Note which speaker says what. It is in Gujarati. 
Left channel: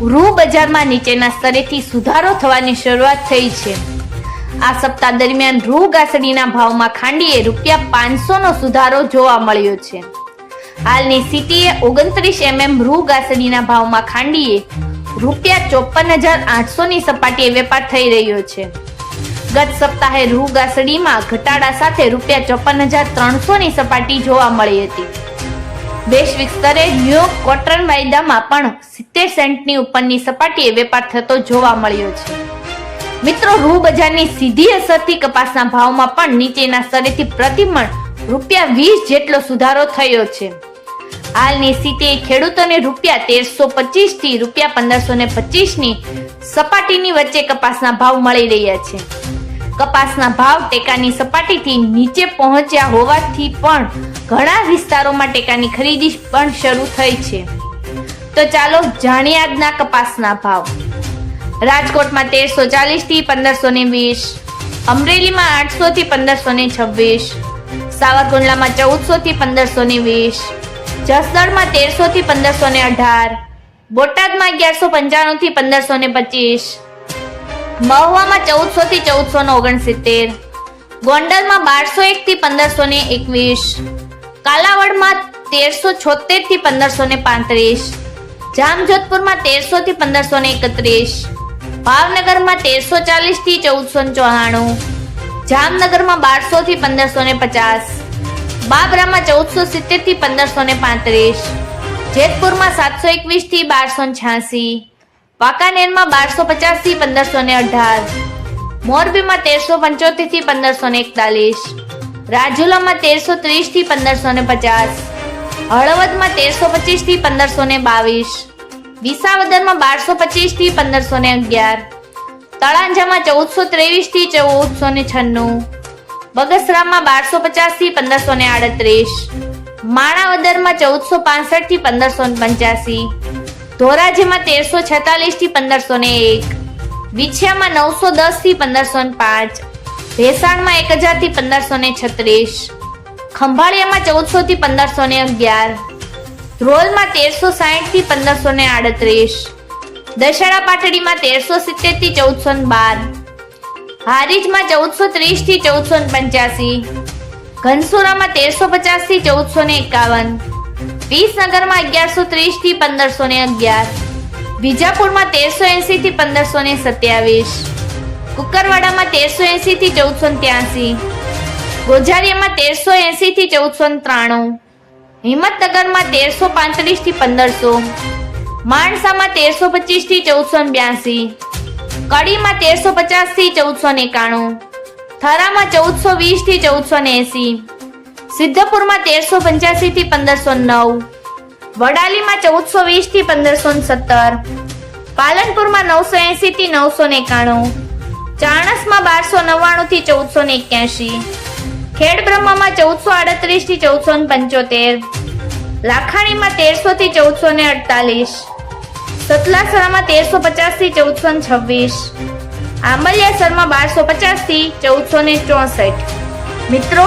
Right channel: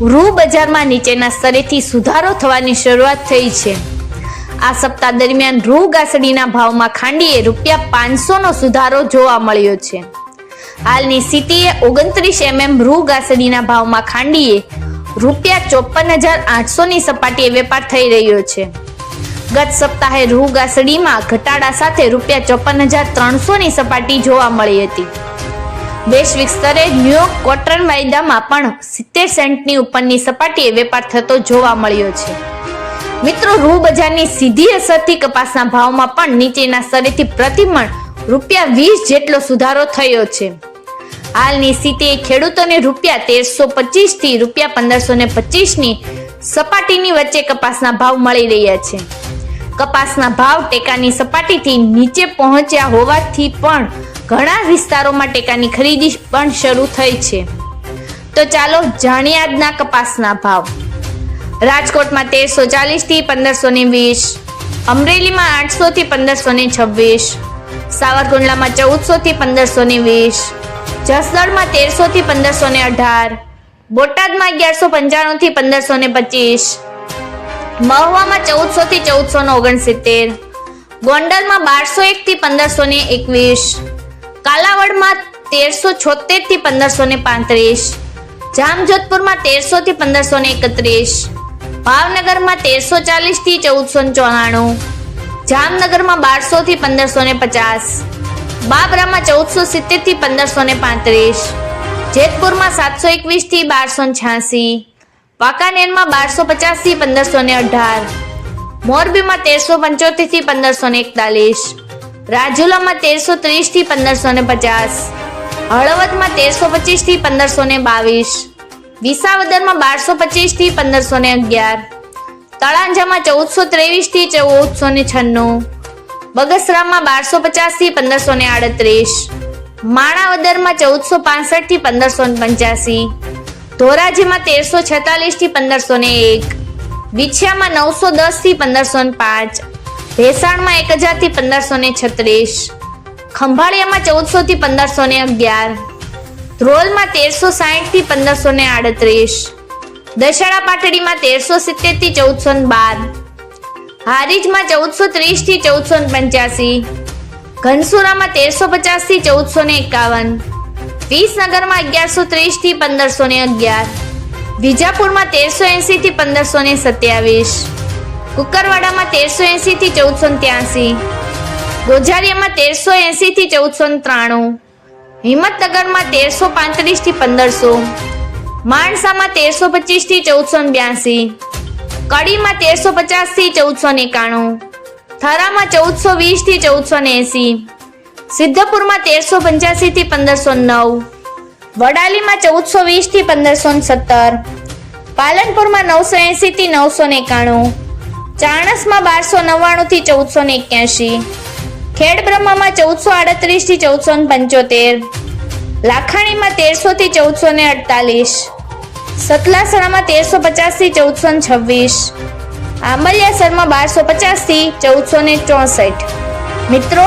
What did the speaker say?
Speaker 1: રૂ બજારમાં નીચેના સ્તરેથી સુધારો થવાની શરૂઆત થઈ છે. આ સપ્તાહ દરમિયાન રૂ ગાસડીના ભાવમાં ખાંડીએ રૂપિયા પાંચસો નો સુધારો જોવા મળ્યો છે. હાલની સ્થિતિએ ઓગણત્રીસ એમએમ રૂ ગાસડીના ભાવમાં ખાંડીએ રૂપિયા ચોપન હજાર આઠસો ની સપાટીએ વેપાર થઈ રહ્યો છે. ગત સપ્તાહે રૂ ગાસડીમાં ઘટાડા સાથે રૂપિયા ચોપન હજાર ત્રણસો ની સપાટી જોવા મળી હતી. વૈશ્વિક સ્તરે ન્યૂયોર્ક કોટન વાયદામાં પણ સિત્તેર સેન્ટની ઉપરની સપાટીએ વેપાર થતો જોવા મળ્યો છે. મિત્રો રૂ બજારની સીધી અસરથી કપાસના ભાવમાં પણ નીચેના સ્તરેથી પ્રતિમણ રૂપિયા વીસ જેટલો સુધારો થયો છે. હાલની સ્થિતિએ ખેડૂતોને રૂપિયા તેરસો પચીસથી રૂપિયા પંદરસો ને પચીસની સપાટીની વચ્ચે કપાસના ભાવ મળી રહ્યા છે. કપાસના ભાવ ટેકાની સપાટીથી નીચે પહોંચ્યા હોવાથી પણ ઘણા વિસ્તારોમાં ટેકાની ખરીદી પણ શરૂ થઈ છે. તો ચાલો જાણીએ આજના કપાસના ભાવ. રાજકોટમાં તેરસો ચાલીસથી પંદરસો ને વીસ, અમરેલીમાં આઠસો થી પંદરસો ને છવ્વીસ, સાવરકુંડલામાં ચૌદસો થી પંદરસો ને વીસ, જસદણમાં તેરસો થી પંદરસો ને અઢાર, બોટાદમાં અગિયારસો પંચાણું થી પંદરસો ને પચીસ મહુવામાં ચૌદસો થી ચૌદસો ને ઓગણસિત્તેર. ગોંડલમાં બારસો એક થી પંદરસો ને એકવીસ. કાલાવડમાં તેરસો છોતેરથી પંદરસો ને પાંત્રીસ. જામજોધપુરમાં તેરસો થી પંદરસો ને એકત્રીસ. ભાવનગરમાં તેરસો ચાલીસથી ચૌદસો ને ચોરાણું. જામનગરમાં બારસો થી પંદરસો ને પચાસ. બાબરામાં ચૌદસો સિત્તેરથી પંદરસો ને પાંત્રીસ. જેતપુરમાં સાતસો એકવીસથી બારસો છ્યાસી. વાંકાનેરમાં બારસો પચાસથી પંદરસો ને અઢાર. મોરબીમાં તેરસો પંચોતેરથી પંદરસો ને એકતાલીસ. રાજુલામાં તેરસો ત્રીસથી પંદરસો ને પચાસ. હળવદમાં તેરસો પચીસથી પંદરસો ને બાવીસ. વિસાવદરમાં બારસો પચીસથી પંદરસો ને અગિયાર. તળાંજામાં ચૌદસો ત્રેવીસથી ચૌદસો ને છન્નું. બગસરામાં બારસો પચાસથી પંદરસો ને આડત્રીસ. માણાવદરમાં ચૌદસો પાસઠથી પંદરસો ને પંચ્યાસી. ધોરાજીમાં તેરસો છેતાલીસથી પંદરસો ને એક. વિછિયામાં નવસો દસથી પંદરસો ને પાંચ. ભેસાણમાં એક હજારથી પંદરસો ને છત્રીસ. ખંભાળિયામાં ચૌદસો થી પંદરસો ને અગિયાર. ધ્રોલમાં તેરસો સાહીઠથી પંદરસો ને આડત્રીસ. દશેડા પાટડીમાં તેરસો સિત્તેરથી ચૌદસો ને બાર. હારીજમાં ચૌદસો ત્રીસથી ચૌદસો ને પંચ્યાસી. ઘનસુરામાં તેરસો પચાસથી ચૌદસો ને એકાવન. વિસનગરમાં અગિયારસો ત્રીસથી પંદરસો ને અગિયાર. વિજાપુરમાં તેરસો એસી થી પંદરસો ને સત્યાવીસ. કુકરવાડામાં તેરસો એસી થી ચૌદસો ત્યાસી. ગોઝારિયામાં તેરસો એસી થી ચૌદસો ત્રાણું. હિંમતનગરમાં તેરસો પાંત્રીસથી પંદરસો. માણસામાં તેરસો પચીસથી ચૌદસો બ્યાસી. કડીમાં તેરસો પચાસથી ચૌદસો એકાણું. થરામાં ચૌદસો વીસથી ચૌદસો એસી. સિદ્ધપુરમાં તેરસો પંચ્યાસી થી પંદરસો નવ. વડાલીમાં ચૌદસો વીસથી પંદરસો સત્તર. પાલનપુરમાં નવસો એસી થી નવસો એકાણું. ચાણસમાં બારસો નવ્વાણું થી ચૌદસો ને એક્યાસી ખેડબ્રહ્મામાં ચૌદસો આડત્રીસથી ચૌદસો પંચોતેર. લાખાણીમાં તેરસો થી ચૌદસો ને અડતાલીસ. સતલાસણામાં તેરસો પચાસથી ચૌદસો છવ્વીસ. આંબલિયાસરમાં બારસો પચાસથી ચૌદસો ચોસઠ. મિત્રો